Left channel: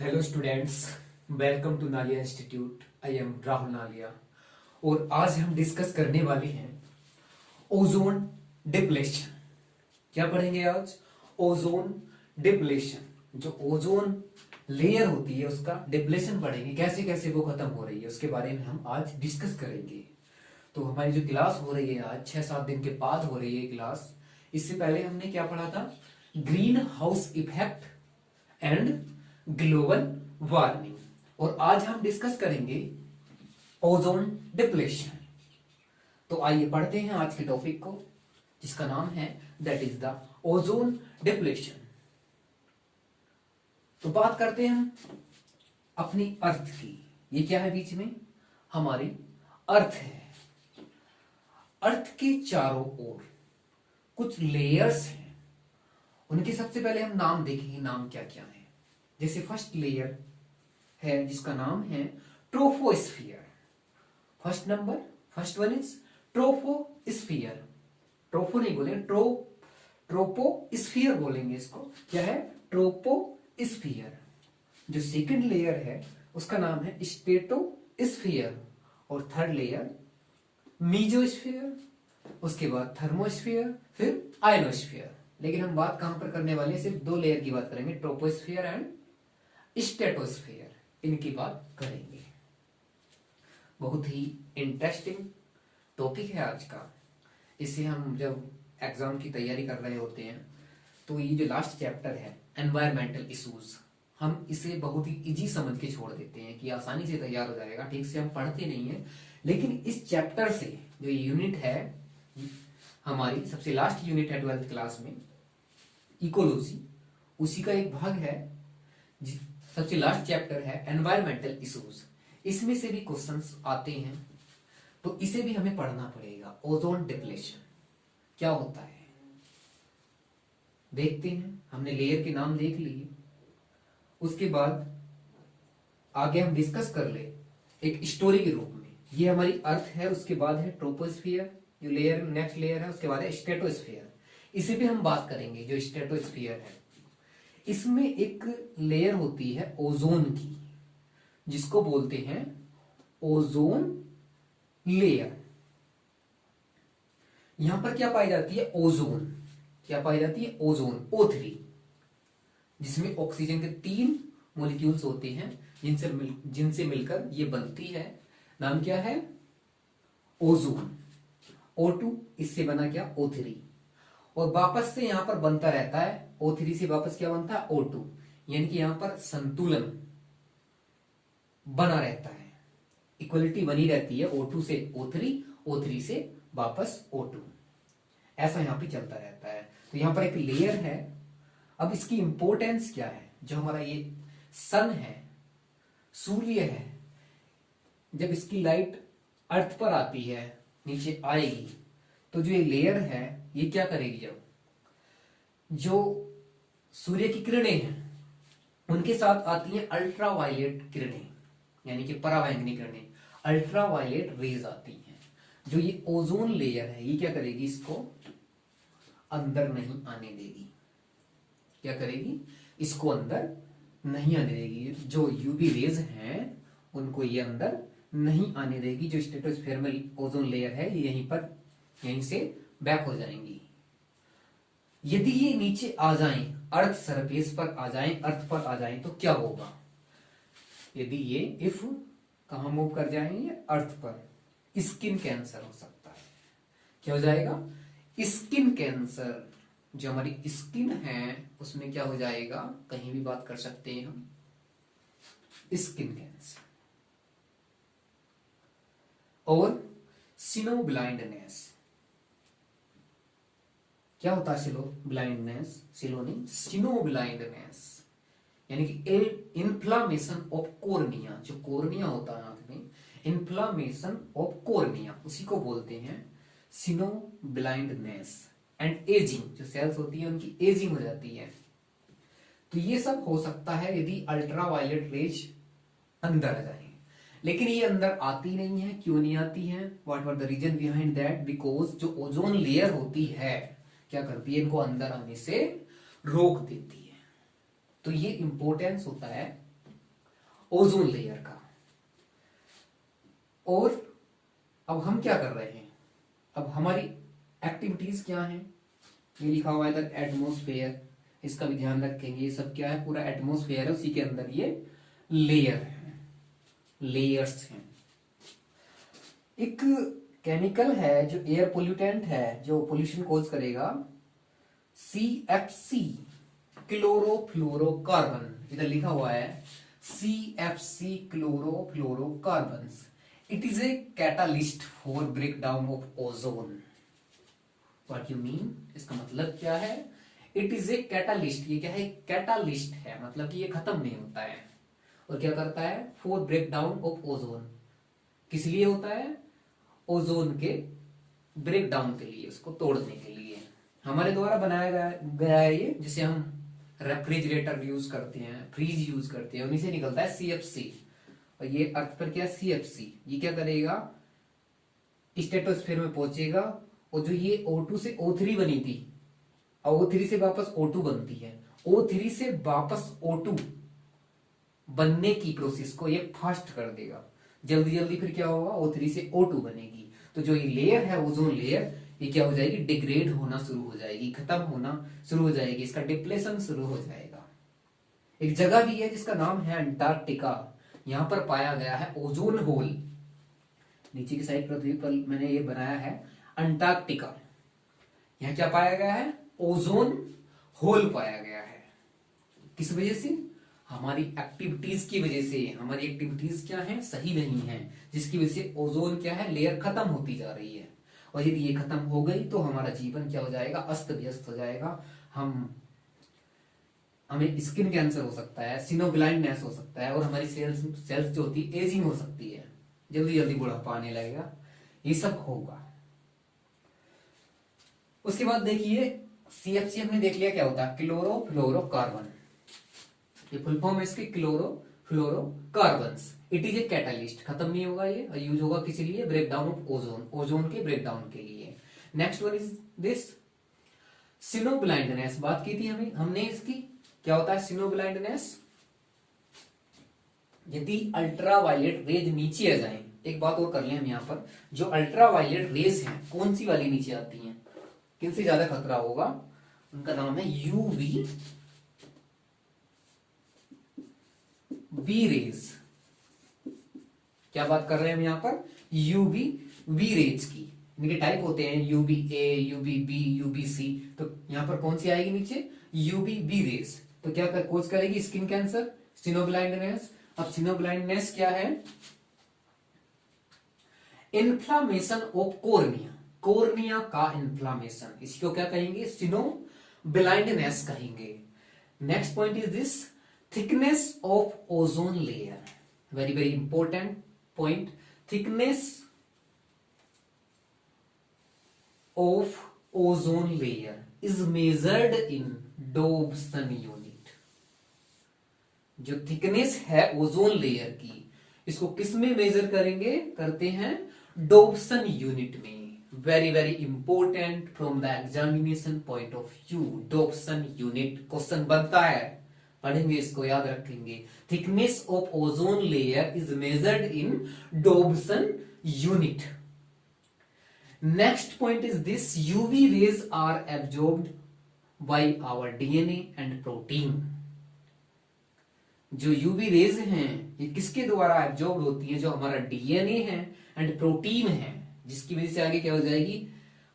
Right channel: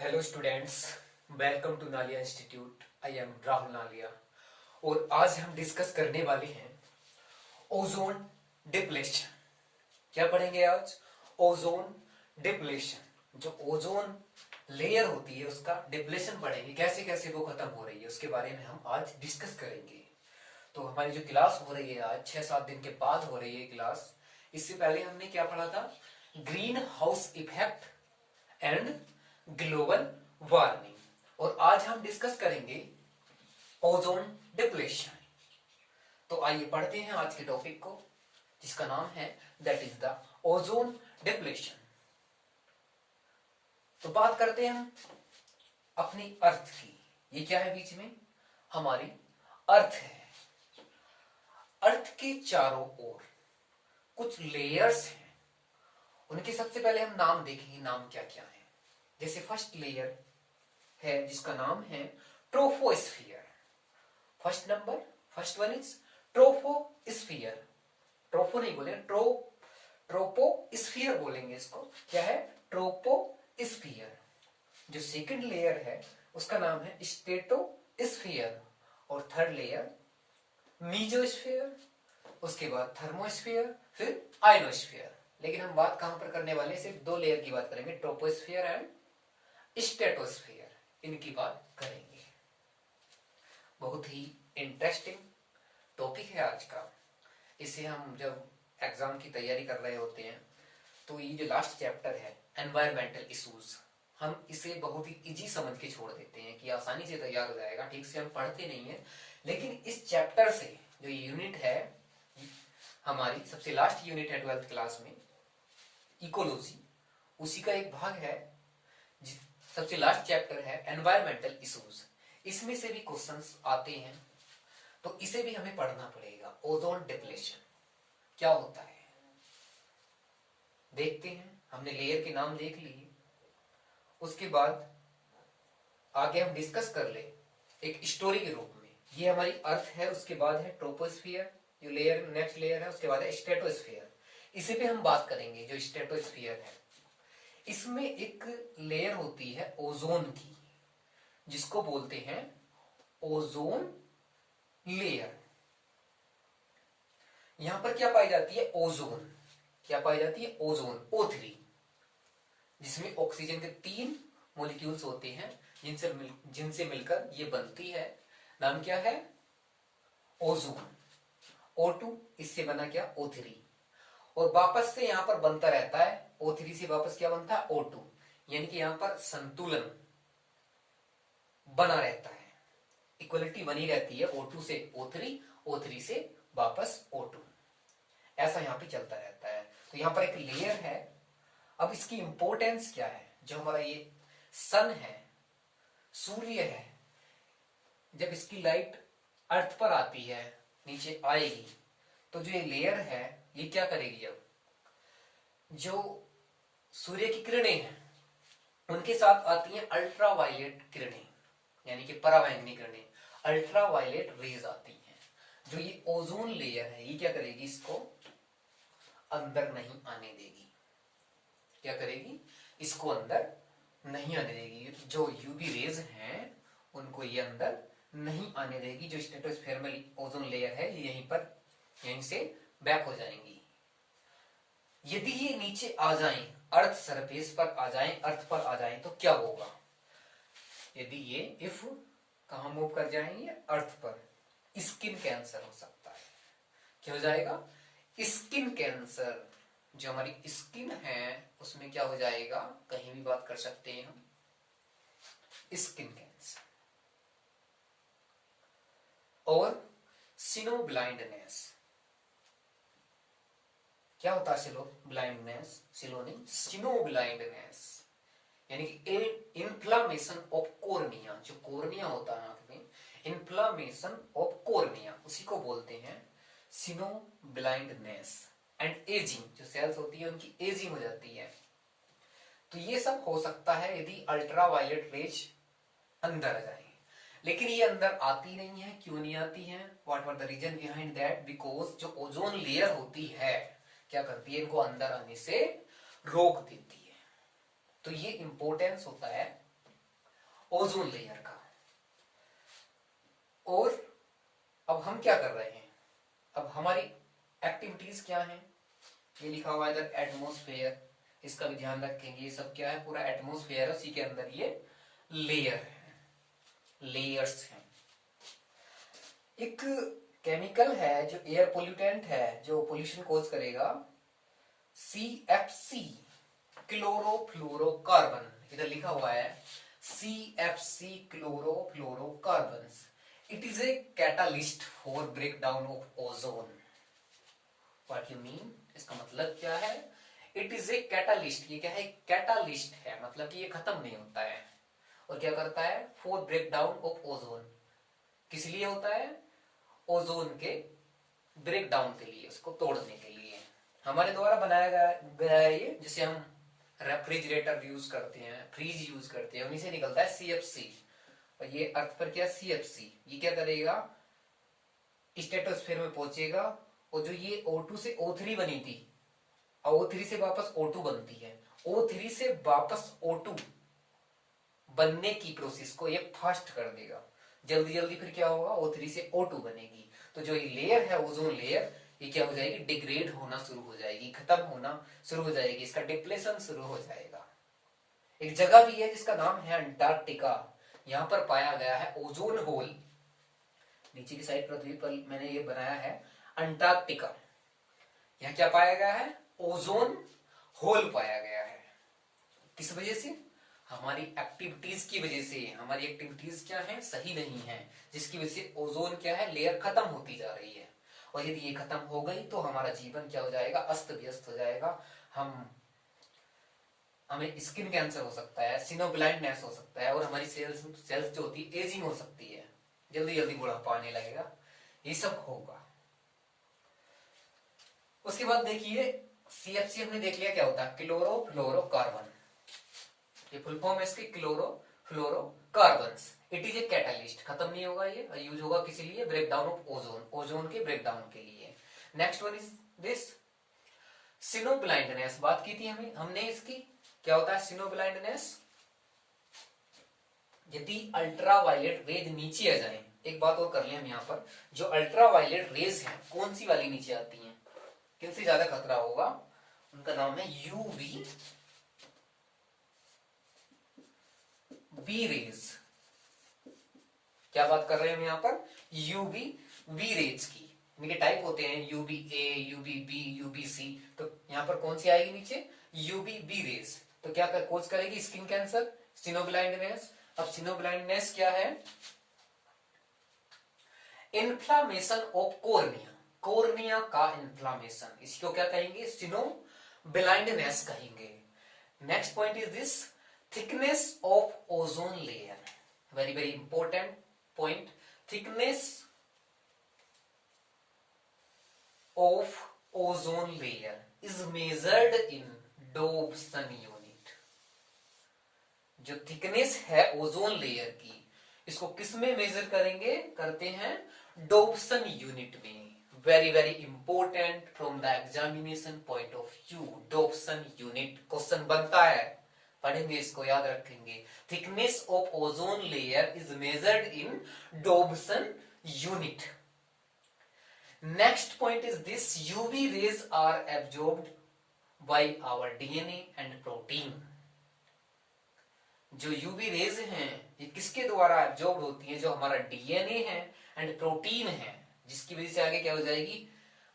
Hello students, welcome to Nalia institute. I am Rahul Nalia और आज हम डिस्कस करने वाले हैं ओजोन डिप्लेशन। क्या पढ़ेंगे आज? Ozone depletion. जो ओजोन लेयर होती है उसका डिप्लेशन पढ़ेंगे, कैसे कैसे वो खत्म हो रही है उसके बारे में हम आज डिस्कस करेंगे। तो हमारी जो क्लास हो रही है आज 6-7 दिन के बाद हो रही है क्लास। इससे पहले हमने क्या पढ़ा था? Green house effect and global warming. और आज हम डिस्कस करेंगे ओजोन डिप्लेशन। तो आइए पढ़ते हैं आज के टॉपिक को, जिसका नाम है that is the ozone depletion. तो बात करते हैं हम अपनी अर्थ की। ये क्या है बीच में? हमारी अर्थ है। अर्थ के चारों ओर कुछ लेयर्स हैं। उनके सबसे पहले हम नाम देखेंगे, नाम क्या क्या है। जैसे फर्स्ट लेयर है जिसका नाम है troposphere. First one is troposphere. ट्रोपो नहीं बोलेंगे, ट्रोपोस्फियर बोलेंगे इसको। क्या है? ट्रोपोस्फियर। जो सेकंड लेयर है उसका नाम है स्ट्रेटोस्फियर। और थर्ड लेयर मीजोस्फियर, उसके बाद थर्मोस्फियर, फिर आयनोस्फियर। लेकिन हम बात कहां पर करने वाले हैं? सिर्फ दो लेयर की बात करेंगे, ट्रोपोस्फियर एंड स्ट्रेटोस्फियर। इनकी बात करेंगे। बहुत ही इंटरेस्टिंग टॉपिक है आज का। इसे हम जब एग्जाम की तैयारी कर रहे होते हैं तो ये जो लास्ट चैप्टर है एनवायरमेंटल इश्यूज, हम इसे बहुत ही इजी समझ के छोड़ देते हैं कि आसानी से तैयार हो जाएगा, ठीक से हम पढ़ते नहीं है। लेकिन इस चैप्टर से जो यूनिट है, हमारी सबसे लास्ट यूनिट है 12th क्लास में, इकोलॉजी, उसी का एक भाग है। सबसे लास्ट चैप्टर है एनवायरमेंटल इश्यूज। इसमें से भी क्वेश्चंस आते हैं, तो इसे भी हमें पढ़ना पड़ेगा। ओजोन डिप्लेशन क्या होता है देखते हैं। हमने लेयर के नाम देख लिए, उसके बाद आगे हम डिस्कस कर ले एक स्टोरी के रूप में। ये हमारी अर्थ है, उसके बाद है ट्रोपोस्फियर जो लेयर, नेक्स्ट लेयर है, उसके बाद है स्ट्रेटोस्फियर। इसी पे हम बात करेंगे। जो स्ट्रेटोस्फियर है इसमें एक लेयर होती है ओजोन की, जिसको बोलते हैं ओजोन लेयर। यहां पर क्या पाई जाती है? ओजोन। क्या पाई जाती है? ओजोन, O3, जिसमें ऑक्सीजन के 3 मॉलिक्यूल्स होते हैं, जिनसे मिलकर ये बनती है। नाम क्या है? ओजोन। O2 इससे बना क्या? O3। और वापस से यहां पर बनता रहता है। O3 से वापस क्या बनता है? O2। यानी कि यहां पर संतुलन बना रहता है, इक्वलिटी बनी रहती है। O2 से O3, O3 से वापस O2, ऐसा यहां पे चलता रहता है। तो यहां पर एक लेयर है। अब इसकी इंपॉर्टेंस क्या है? जो हमारा ये सन है, सूर्य है, जब इसकी लाइट अर्थ पर आती है, नीचे आएगी, तो जो ये लेयर है ये क्या करेगी? जब जो सूर्य की किरणें हैं उनके साथ आती हैं अल्ट्रावायलेट किरणें, यानी कि पराबैंगनी किरणें, अल्ट्रावायलेट रेज आती हैं। जो ये ओजोन लेयर है ये क्या करेगी? इसको अंदर नहीं आने देगी। क्या करेगी? इसको अंदर नहीं आने देगी। जो यूवी रेज हैं उनको ये अंदर नहीं आने देगी। जो स्ट्रेटोस्फीयर में ओजोन लेयर है ये यहीं से बैक हो जाएंगी। यदि ये नीचे आ जाएं, अर्थ सरफेस पर आ जाएं, अर्थ पर आ जाएं, तो क्या होगा? यदि ये इफ कहां मूव कर जाएंगे? अर्थ पर, स्किन कैंसर हो सकता है। क्या हो जाएगा? Skin cancer. जो हमारी स्किन है उसमें क्या हो जाएगा? कहीं भी बात कर सकते हैं हम, स्किन कैंसर। और सिनो ब्लाइंडनेस। क्या होता है सिलो ब्लाइंडनेस? सिलो नहीं, सिनो ब्लाइंडनेस, यानी कि इन्फ्लामेशन ऑफ कोर्निया। जो कोर्निया होता है आंख में, इन्फ्लामेशन ऑफ कोर्निया, उसी को बोलते हैं सिनो ब्लाइंडनेस। एंड एजिंग, जो सेल्स होती है उनकी एजिंग हो जाती है। तो ये सब हो सकता है यदि अल्ट्रावायलेट रेज अंदर आ जाए। लेकिन ये अंदर आती नहीं है। क्यों नहीं आती है? What were the reason behind that? Because जो ओजोन लेयर होती है क्या करती है? इनको अंदर आने से रोक देती है। तो ये इंपॉर्टेंस होता है ओजोन लेयर का। और अब हम क्या कर रहे हैं, अब हमारी एक्टिविटीज क्या हैं, ये लिखा हुआ है द एटमोस्फेयर, इसका भी ध्यान रखेंगे। ये सब क्या है, पूरा एटमोस्फेयर है, उसी के अंदर ये लेयर है, लेयर्स हैं। एक केमिकल है जो एयर पोल्यूटेंट है, जो पोल्यूशन कॉज करेगा, CFC, क्लोरोफ्लोरोकार्बन। इधर लिखा हुआ है CFC, chlorofluorocarbon. It is a catalyst for breakdown of ozone. What you mean, इसका मतलब क्या है? इट इज ए कैटालिस्ट, ये क्या है, कैटालिस्ट है, मतलब कि ये खत्म नहीं होता है। और क्या करता है, फॉर ब्रेकडाउन ऑफ ओजोन, किस लिए होता है, ओजोन के ब्रेकडाउन के लिए, उसको तोड़ने के लिए हमारे द्वारा बनाया गया है ये। जिसे हम रेफ्रिजरेटर यूज करते हैं, फ्रीज यूज करते हैं, उन्हीं से निकलता है CFC। और ये अर्थ पर क्या, CFC, ये क्या करेगा, स्ट्रेटोस्फीयर में पहुंचेगा, और जो ये O2 से O3 बनी थी, O3 से वापस O2 बनती है, O3 से वापस O2 बनने की प्रोसेस को ये फास्ट कर देगा, जल्दी जल्दी। फिर क्या होगा, O3 से O2 बनेगी, तो जो ये लेयर है, ओजोन लेयर, ये क्या हो जाएगी, डिग्रेड होना शुरू हो जाएगी, खत्म होना शुरू हो जाएगी, इसका डिप्लेशन शुरू हो जाएगा। एक जगह भी है जिसका नाम है अंटार्कटिका, यहां पर पाया गया है ओजोन होल। नीचे की साइड पृथ्वी पर मैंने ये बनाया है अंटार्कटिका, यहां क्या पाया गया है, ओजोन होल पाया गया है। किस वजह से, हमारी एक्टिविटीज की वजह से। हमारी एक्टिविटीज क्या है, सही नहीं है, जिसकी वजह से ओजोन क्या है, लेयर खत्म होती जा रही है। और यदि ये खत्म हो गई तो हमारा जीवन क्या हो जाएगा, अस्त व्यस्त हो जाएगा। हमें स्किन कैंसर हो सकता है, सिनो ब्लाइंडनेस हो सकता है, और हमारी सेल्स जो होती है एजिंग हो सकती है, जल्दी जल्दी बुढ़ापा आने लगेगा, ये सब होगा। उसके बाद देखिए CFC हमने देख लिया क्या होता है, क्लोरोफ्लोरोकार्बन, ये फुल फॉर्म है इसकी, chlorofluorocarbons. It is a catalyst, खत्म नहीं होगा ये, यूज होगा किसी लिए, ब्रेकडाउन ऑफ ओजोन, ओजोन के ब्रेकडाउन के लिए। Next one is this synonym blindness, बात की थी हमने इसकी, क्या होता है सिनो ब्लाइंडनेस, यदि अल्ट्रावायलेट रेज नीचे आ जाए। एक बात और कर ले हम यहाँ पर, जो अल्ट्रावायलेट रेज हैं, कौन सी वाली नीचे आती हैं, किनसे ज्यादा खतरा होगा, उनका नाम है UV बी रेज। क्या बात कर रहे हैं हम यहाँ पर, UV बी रेज की। इनके टाइप होते हैं UVA, UVB, UVC, तो यहाँ पर कौन सी आएगी नीचे, UV बी रेज। तो क्या कोज करेगी, स्किन कैंसर, सिनो ब्लाइंडनेस। अब सिनो ब्लाइंडनेस क्या है, इन्फ्लामेशन ऑफ कोर्निया, कोर्निया का इन्फ्लामेशन, इसको क्या कहेंगे, सिनो ब्लाइंडनेस कहेंगे। Next point is this thickness of ozone layer, very very important point. Thickness of ozone layer is measured in Dobson unit. जो thickness है ओजोन लेयर की, इसको किस में मेजर करेंगे, करते हैं डोब्सन यूनिट में। Very very important from the examination point of view, Dobson unit question बनता है, पढ़ेंगे इसको, याद रखेंगे। Thickness of ozone layer is measured in Dobson unit. Next point is this UV rays are absorbed by our DNA and protein. जो UV rays हैं, ये किसके द्वारा एब्जॉर्ब होती है, जो हमारा DNA है एंड प्रोटीन है, जिसकी वजह से आगे क्या हो जाएगी,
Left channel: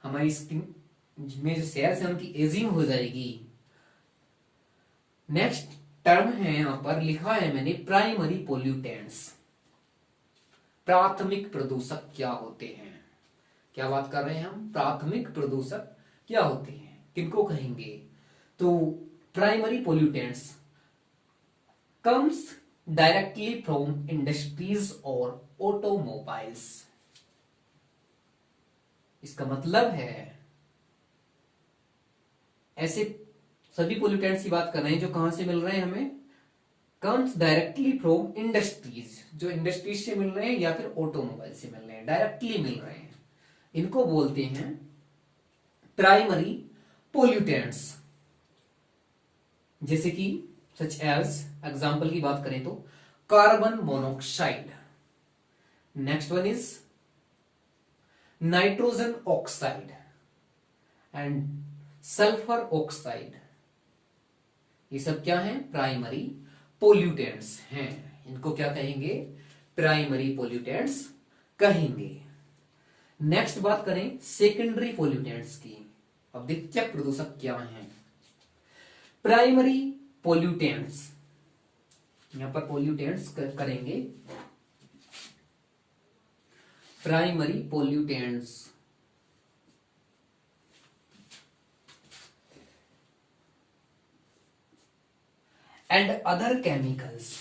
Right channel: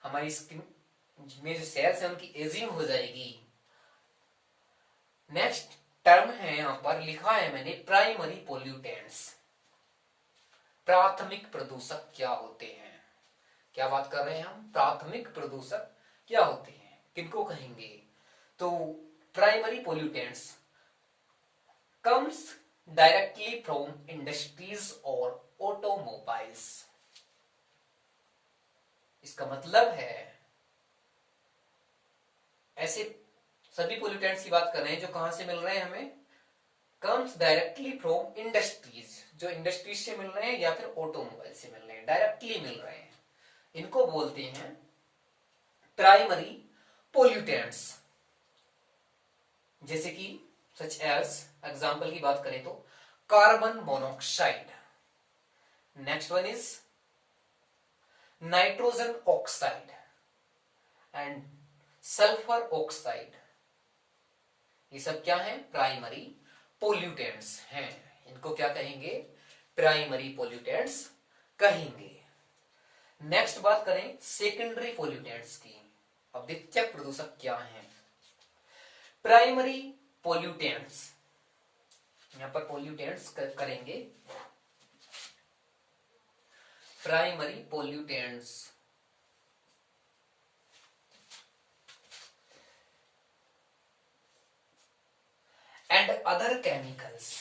हमारी स्किन में जो सेल्स है उनकी एजिंग हो जाएगी। नेक्स्ट टर्म है यहां पर लिखा है मैंने, प्राइमरी पोल्यूटेंट्स, प्राथमिक प्रदूषक क्या होते हैं। क्या बात कर रहे हैं हम, प्राथमिक प्रदूषक क्या होते हैं, किनको कहेंगे, तो primary pollutants comes directly from industries or automobiles। इसका मतलब है ऐसे सभी पोल्यूटेंट्स की बात कर रहे हैं जो कहां से मिल रहे हैं हमें, कम्स डायरेक्टली फ्रॉम इंडस्ट्रीज, जो इंडस्ट्रीज से मिल रहे हैं या फिर ऑटोमोबाइल से मिल रहे हैं, डायरेक्टली मिल रहे हैं, इनको बोलते हैं प्राइमरी पोल्यूटेंट्स। जैसे कि सच एज एग्जाम्पल की बात करें तो carbon monoxide, next one is nitrogen oxide and sulphur oxide. ये सब क्या है? प्राइमरी पोल्यूटेंट्स हैं। इनको क्या कहेंगे? प्राइमरी पोल्यूटेंट्स कहेंगे। नेक्स्ट बात करें सेकेंडरी पोल्यूटेंट्स की। अब द्वितीयक प्रदूषक क्या हैं? प्राइमरी पोल्यूटेंट्स, यहां पर पोल्यूटेंट्स करेंगे primary pollutants. And other chemicals,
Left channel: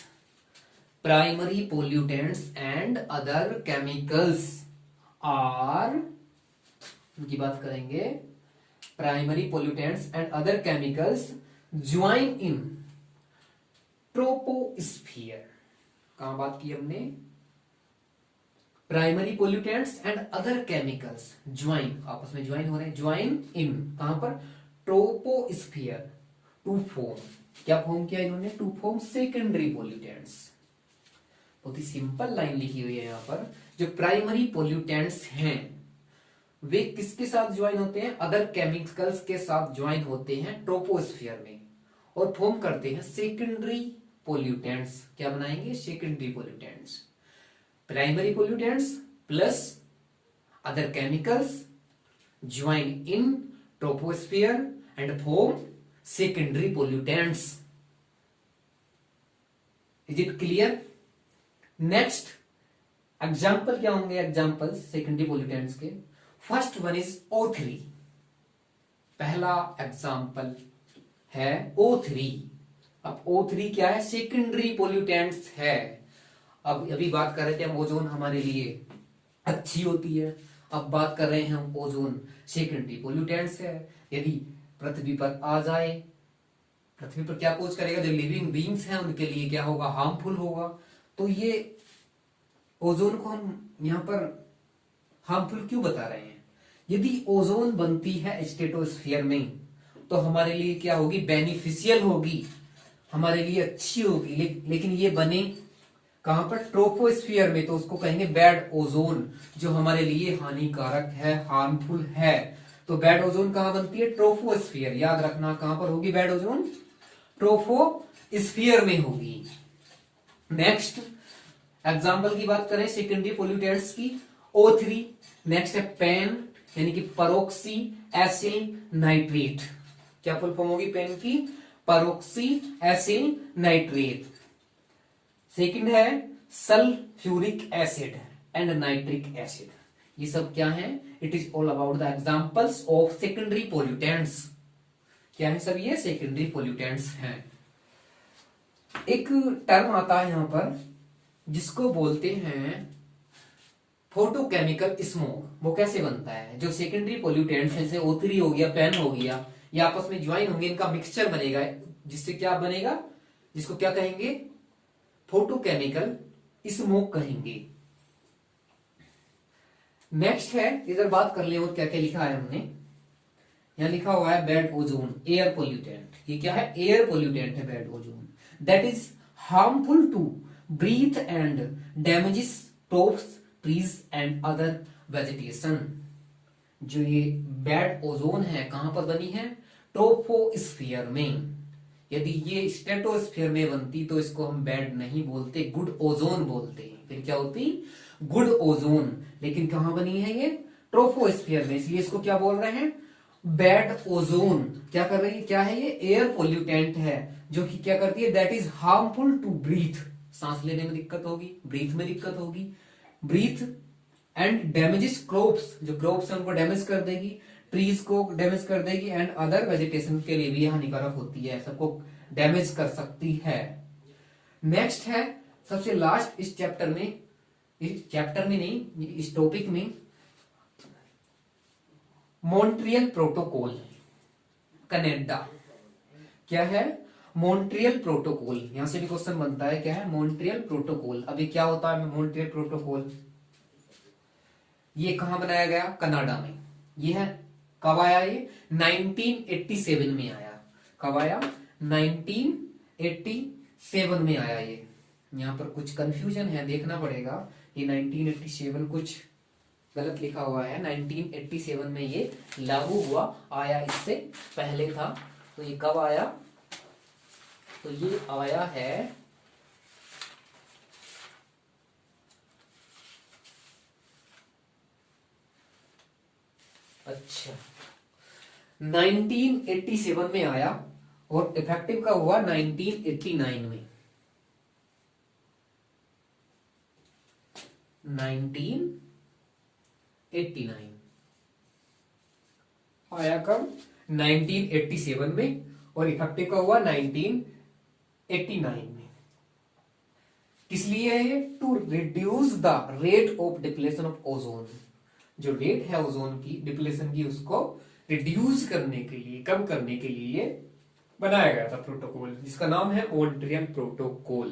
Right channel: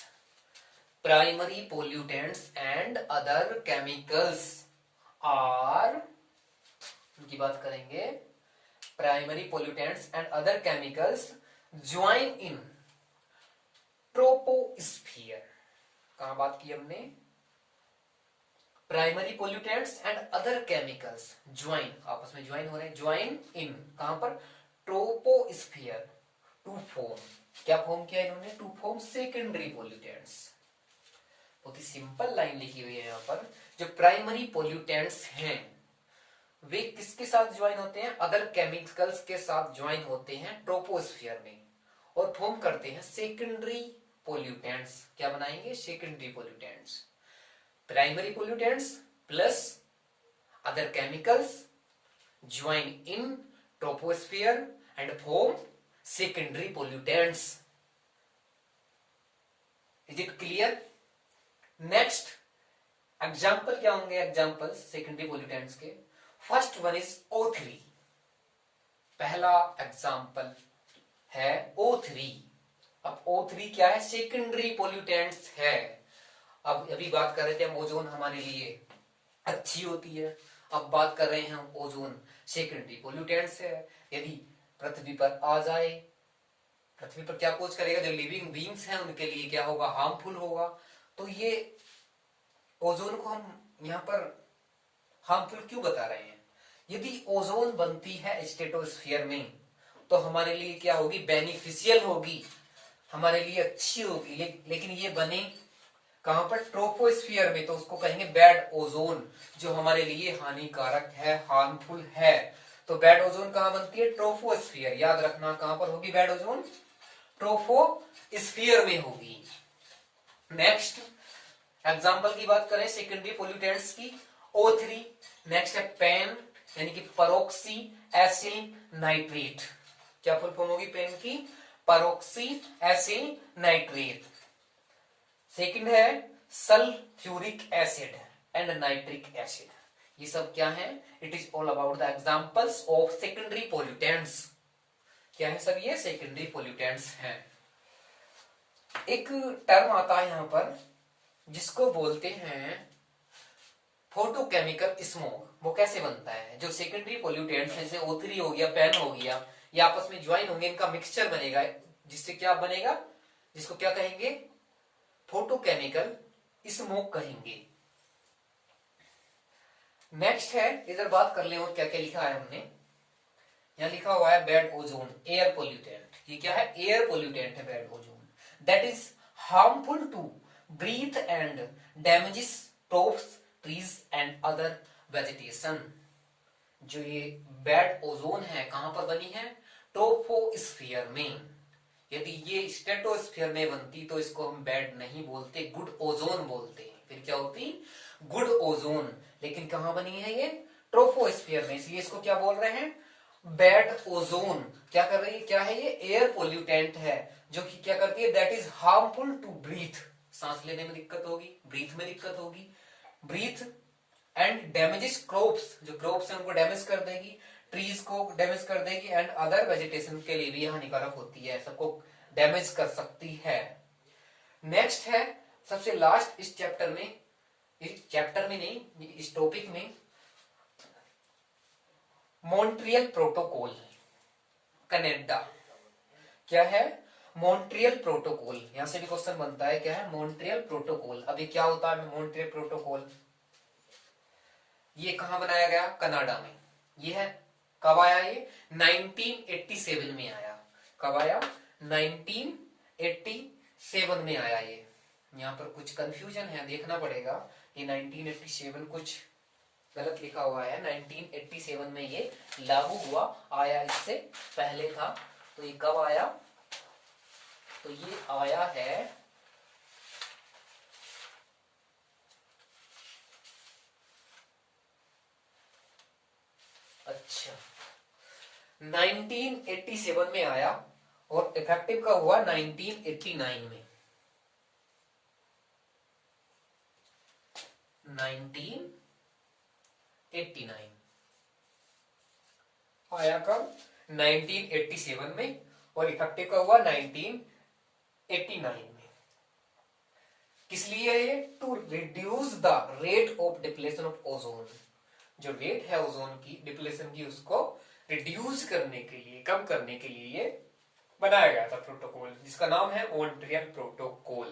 primary pollutants and other chemicals are, उनकी बात करेंगे, primary pollutants and other chemicals join in troposphere. कहां बात की हमने? Primary pollutants and other chemicals join, आपस में ज्वाइन हो रहे हैं, ज्वाइन इन कहां पर? ट्रोपोस्फियर, टू फॉर्म, क्या फॉर्म किया इन्होंने? To form secondary pollutants. बहुत ही सिंपल लाइन लिखी हुई है यहां पर। जो प्राइमरी पोल्यूटेंट्स हैं वे किसके साथ ज्वाइन होते हैं? अदर केमिकल्स के साथ ज्वाइन होते हैं ट्रोपोस्फियर में और फॉर्म करते हैं सेकेंडरी पोल्यूटेंट्स। क्या बनाएंगे? Secondary pollutants. Primary pollutants plus other chemicals join in troposphere and form secondary pollutants. Is it clear? Next example क्या होंगे? एग्जाम्पल सेकेंडरी पोल्यूटेंट्स के, फर्स्ट वन इज O3। पहला एग्जाम्पल है O3। अब O3 क्या है? सेकेंडरी पोल्यूटेंट्स है। अब अभी बात कर रहे थे हम ओजोन हमारे लिए अच्छी होती है, अब बात कर रहे हैं हम ओजोन सेकेंडरी पोल्यूटेंट्स है। यदि पृथ्वी पर आ जाए, पृथ्वी पर क्या पोज करेगा? जो लिविंग बीइंग्स हैं उनके लिए क्या होगा? हार्मफुल होगा। तो ये ओजोन को हम यहां पर हार्मफुल क्यों बता रहे हैं? यदि ओजोन बनती है स्ट्रेटोस्फीयर में तो हमारे लिए क्या होगी? बेनिफिशियल होगी, हमारे लिए अच्छी होगी। लेकिन ये बने कहां पर? ट्रोपोस्फीयर में, तो उसको कहेंगे बैड ओजोन, जो हमारे लिए हानिकारक है, हार्मफुल है। तो बैड ओजोन कहां बनती है? ट्रोपोस्फीयर। याद रखना कहां पर होगी बैड ओजोन? ट्रोपोस्फीयर में होगी। नेक्स्ट एग्जाम्पल की बात करें सेकेंडरी पोल्यूटेंट्स की, O3। नेक्स्ट है पेन, यानी कि परोक्सी एसिल नाइट्रेट। क्या फुल फॉर्म होगी पेन की? Peroxy acyl nitrate. सेकंड है sulphuric acid and nitric acid. ये सब क्या है? It is all about the examples of secondary pollutants. क्या है सब? ये सेकेंडरी पोल्यूटेंट्स हैं। एक टर्म आता है यहां पर जिसको बोलते हैं फोटोकेमिकल स्मोक। वो कैसे बनता है? जो सेकेंडरी पोल्यूटेंट्स जैसे O3 हो गया, पेन हो गया, ये आपस में ज्वाइन होंगे, इनका मिक्सचर बनेगा, जिससे क्या बनेगा? जिसको क्या कहेंगे? फोटोकेमिकल स्मोक कहेंगे। नेक्स्ट है, इधर बात कर ले और क्या क्या लिखा है हमने। यहां लिखा हुआ है बैड ओजोन, एयर पोल्यूटेंट। ये क्या है? एयर पोल्यूटेंट है bad ozone. That is harmful to breathe and damages crops, trees and other vegetation. जो ये बैड ओजोन है कहां पर बनी है? ट्रोपोस्फियर में। यदि ये स्ट्रेटोस्फीयर में बनती तो इसको हम बैड नहीं बोलते, गुड ओजोन बोलते हैं। फिर क्या होती? Good ozone. लेकिन कहां बनी है ये? ट्रोपोस्फियर में, इसलिए इसको क्या बोल रहे हैं? Bad ozone. क्या कर रही है? क्या है ये? एयर पोल्यूटेंट है, जो कि क्या करती है? That is harmful to breathe. सांस लेने में दिक्कत होगी, ब्रीथ में दिक्कत होगी, ब्रीथ एंड डैमेजेस क्रॉप्स, जो क्रॉप्स है उनको डैमेज कर देगी, ट्रीज को डैमेज कर देगी, एंड अदर वेजिटेशन के लिए भी हानिकारक होती है, सबको डैमेज कर सकती है। नेक्स्ट है सबसे लास्ट इस चैप्टर में नहीं, इस टॉपिक में, मॉन्ट्रियल प्रोटोकॉल, कनाडा। क्या है? Montreal protocol. यहां से भी क्वेश्चन बनता है, क्या है? Montreal protocol. अभी क्या होता है मॉन्ट्रियल प्रोटोकॉल? ये कहां बनाया गया? कनाडा में। ये है कब आया? ये 1987 में आया। कब आया? 1987 में आया ये, यहाँ पर कुछ कंफ्यूजन है, देखना पड़ेगा। ये 1987 कुछ गलत लिखा हुआ है। 1987 में ये लागू हुआ, आया इससे पहले था। तो ये कब आया? तो ये आया है अच्छा 1987 में आया और इफेक्टिव का हुआ 1989 में। 1989 आया कब? 1987 में और इफेक्टिव का हुआ 1989 में। किस लिए है ये? To reduce the rate of depletion of ozone. जो रेट है ओजोन की डिप्लेशन की, उसको रिड्यूस करने के लिए, कम करने के लिए ये बनाया गया था प्रोटोकॉल, जिसका नाम है मॉन्ट्रियल प्रोटोकॉल।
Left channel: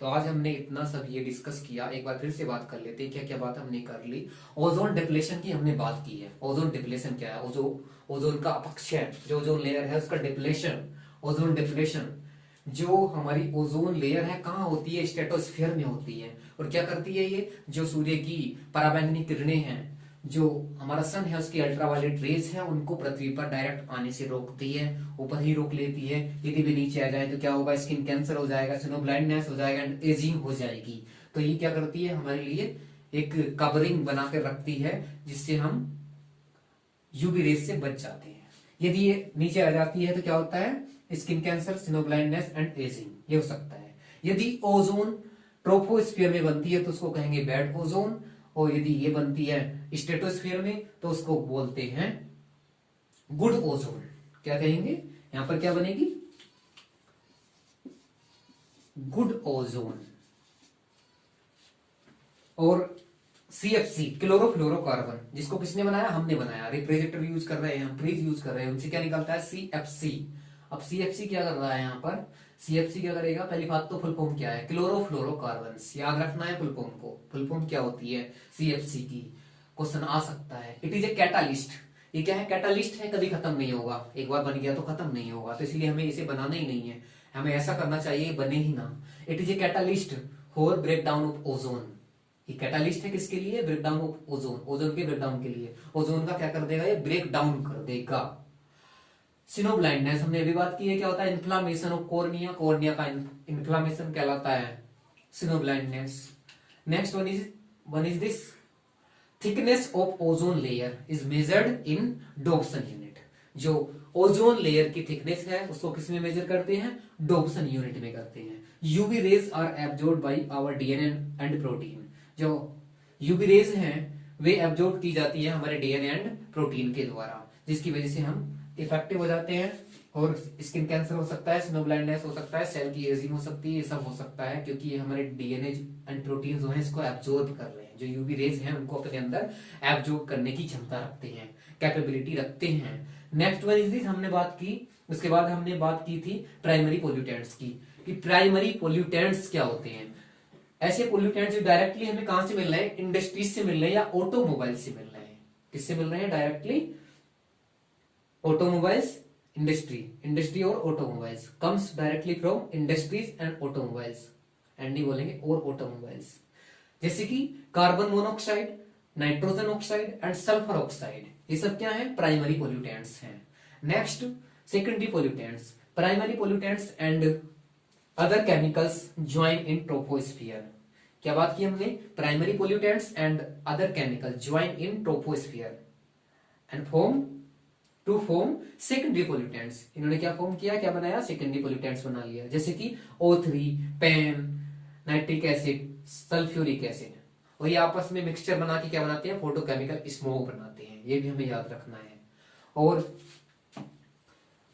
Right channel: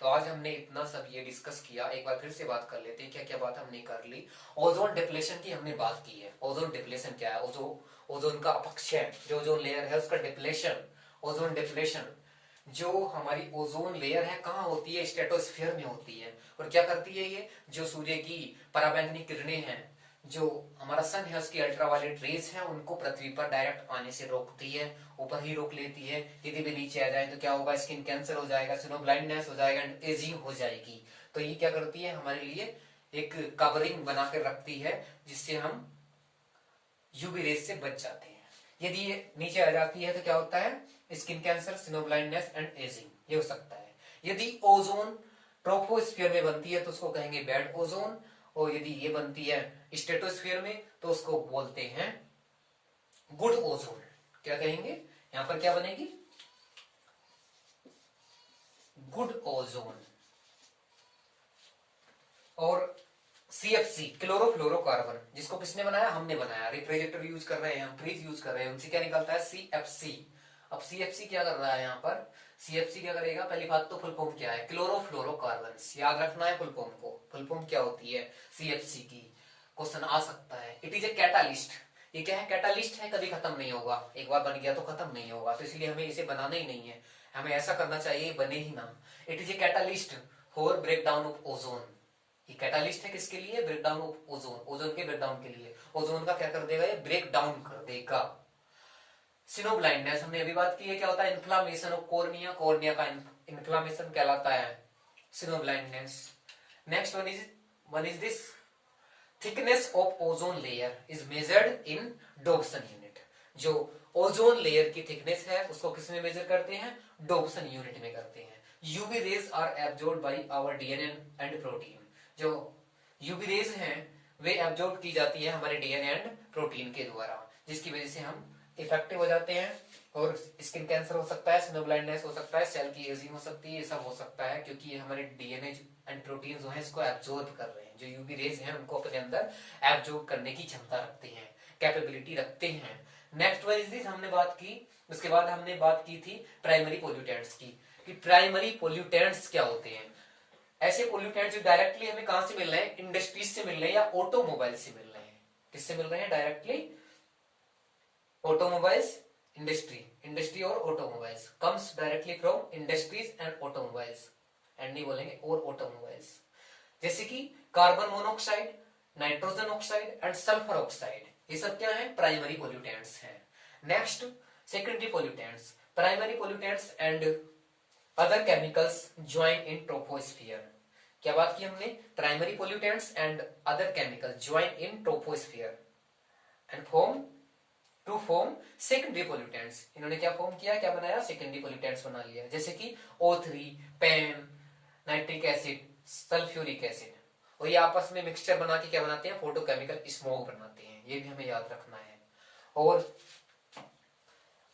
तो आज हमने इतना सब ये डिस्कस किया। एक बार फिर से बात कर लेते हैं, क्या क्या बात हमने कर ली। ओजोन डिप्लेशन की हमने बात की है। ओजोन डिप्लेशन क्या है? ओजोन का अपक्षय, जो ओजोन लेयर है उसका डिप्लेशन। ओजोन डिप्लेशन, जो हमारी ओजोन लेयर है कहाँ होती है? स्ट्रेटोस्फीयर में होती है। और क्या करती है ये? जो सूर्य की पराबैंगनी किरणें हैं, जो हमारा सन है उसकी अल्ट्रावायलेट रेज है, उनको पृथ्वी पर डायरेक्ट आने से रोकती है, ऊपर ही रोक लेती है। यदि भी नीचे आ जाए तो क्या होगा? स्किन कैंसर हो जाएगा, स्नो ब्लाइंडनेस हो जाएगा एंड एजिंग हो जाएगी। तो ये क्या करती है? हमारे लिए एक कवरिंग बनाकर रखती है, जिससे हम यूवी रेज से बच जाते हैं। यदि ये नीचे आ जाती है तो क्या होता है? Skin cancer, snow blindness and ageing, ये हो सकता है। यदि ओजोन ट्रोपोस्फियर में बनती है तो उसको कहेंगे बैड ओजोन, और यदि ये बनती है स्ट्रेटोस्फियर में तो उसको बोलते हैं गुड ओजोन। क्या कहेंगे? यहां पर क्या बनेगी? Good ozone. और CFC, क्लोरोफ्लोरोकार्बन, जिसको किसने बनाया? हमने बनाया। रेफ्रिजरेटर यूज कर रहे हैं हम, फ्रिज यूज कर रहे हैं, उनसे क्या निकलता है? CFC। अब CFC क्या कर रहा है यहाँ पर? CFC क्या करेगा? पहली बात तो फुल फॉर्म क्या है? क्लोरोफ्लोरोकार्बन। याद रखना है फुल फॉर्म को। फुल फॉर्म क्या होती है CFC की? क्वेश्चन आ सकता है। It is a catalyst. ये क्या है? कैटालिस्ट है, कभी खत्म नहीं होगा। एक बार बन गया तो खत्म नहीं होगा, तो इसलिए हमें इसे बनाना ही नहीं है। हमें ऐसा करना चाहिए बने ही ना। It is a catalyst for break down of ozone. ये कैटालिस्ट है किसके लिए? Break down of ozone, ozone के ब्रेक डाउन के लिए। ओजोन का क्या कर देगा? ये ब्रेक डाउन कर देगा। सिनो ब्लाइंडनेस हमने अभी बात की है, क्या होता है? इन्फ्लामेशन ऑफ कॉर्निया, कॉर्निया का इन्फ्लामेशन कहलाता है snow blindness. Next one is this thickness of ozone layer is measured in Dobson unit. जो ओजोन लेयर की थिकनेस है उसको किसमें मेजर करते हैं? डॉप्सन यूनिट में करते हैं। UV rays are absorb by our DNA and protein. जो यूवी रेज हैं वे एब्जॉर्ब की जाती है हमारे डीएनए एंड प्रोटीन के द्वारा, जिसकी वजह से हम इफेक्टिव हो जाते हैं। और स्किन कैंसर हो सकता है, स्नो ब्लाइंडनेस हो सकता है, सेल की एजिंग हो सकती है, ये सब हो सकता है क्योंकि ये हमारे डीएनए एंड प्रोटीन जो है इसको एब्जॉर्ब कर रहे हैं। जो यूवी रेज हैं उनको अपने अंदर एब्जॉर्ब करने की क्षमता रखते हैं, कैपेबिलिटी रखते हैं। नेक्स्ट वन इज दिस, हमने बात की। उसके बाद हमने बात की थी प्राइमरी पोल्यूटेंट्स की, कि प्राइमरी पोल्यूटेंट्स क्या होते हैं। ऐसे पोल्यूटेंट्स जो डायरेक्टली हमें कहां से मिल रहे हैं? इंडस्ट्रीज से मिल रहे हैं या ऑटोमोबाइल से मिल रहे हैं। किससे मिल रहे हैं? डायरेक्टली ऑटोमोबाइल्स, इंडस्ट्री और automobiles comes directly from industries and automobiles, and नहीं बोलेंगे और ऑटोमोबाइल्स। जैसे कि carbon monoxide, nitrogen oxide and sulphur oxide, ये सब क्या है? प्राइमरी पोल्यूटेंट्स हैं। Next secondary pollutants, primary pollutants and other chemicals join in troposphere. क्या बात की हमने? Primary pollutants and other chemicals join in troposphere and to form secondary pollutants. इन्होंने क्या फॉर्म किया? क्या बनाया? सेकेंडरी पोल्यूटेंट्स बना लिया। जैसे कि O3, PAN, nitric acid, sulphuric acid, और ये आपस में मिक्सचर बना के क्या बनाते हैं? फोटोकेमिकल स्मोक बनाते हैं। ये भी हमें याद रखना है। और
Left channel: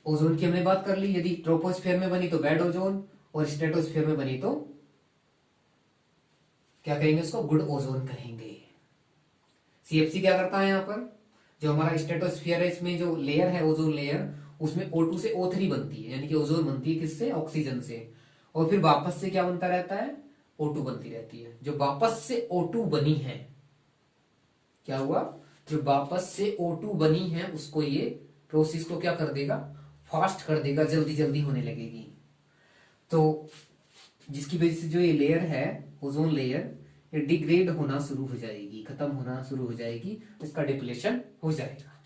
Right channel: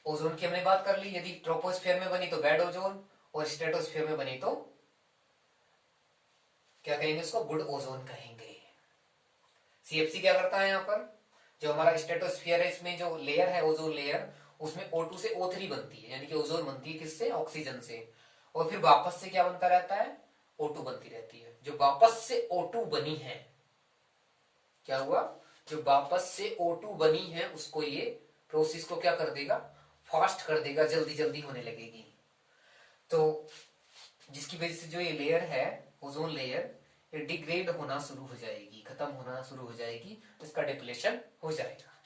ओजोन की हमने बात कर ली, यदि ट्रोपोस्फियर में बनी तो बैड ओजोन, और स्ट्रेटोस्फियर में बनी तो क्या कहेंगे? उसको गुड ओजोन कहेंगे। CFC क्या करता है? यहाँ पर जो हमारा स्ट्रेटोस्फियर है, इसमें जो लेयर है ओजोन लेयर, उसमें O2 से O3 बनती है, यानी कि ओजोन बनती है किससे? ऑक्सीजन से। और फिर वापस से क्या बनता रहता है? O2 बनती रहती है। जो वापस से O2 बनी है, क्या हुआ? जो वापस से O2 बनी है उसको ये प्रोसेस को क्या कर देगा? फास्ट कर देगा, जल्दी जल्दी होने लगेगी। तो जिसकी वजह से जो ये लेयर है, ओजोन लेयर, ये डिग्रेड होना शुरू हो जाएगी, खत्म होना शुरू हो जाएगी, इसका डिप्लेशन हो जाएगा।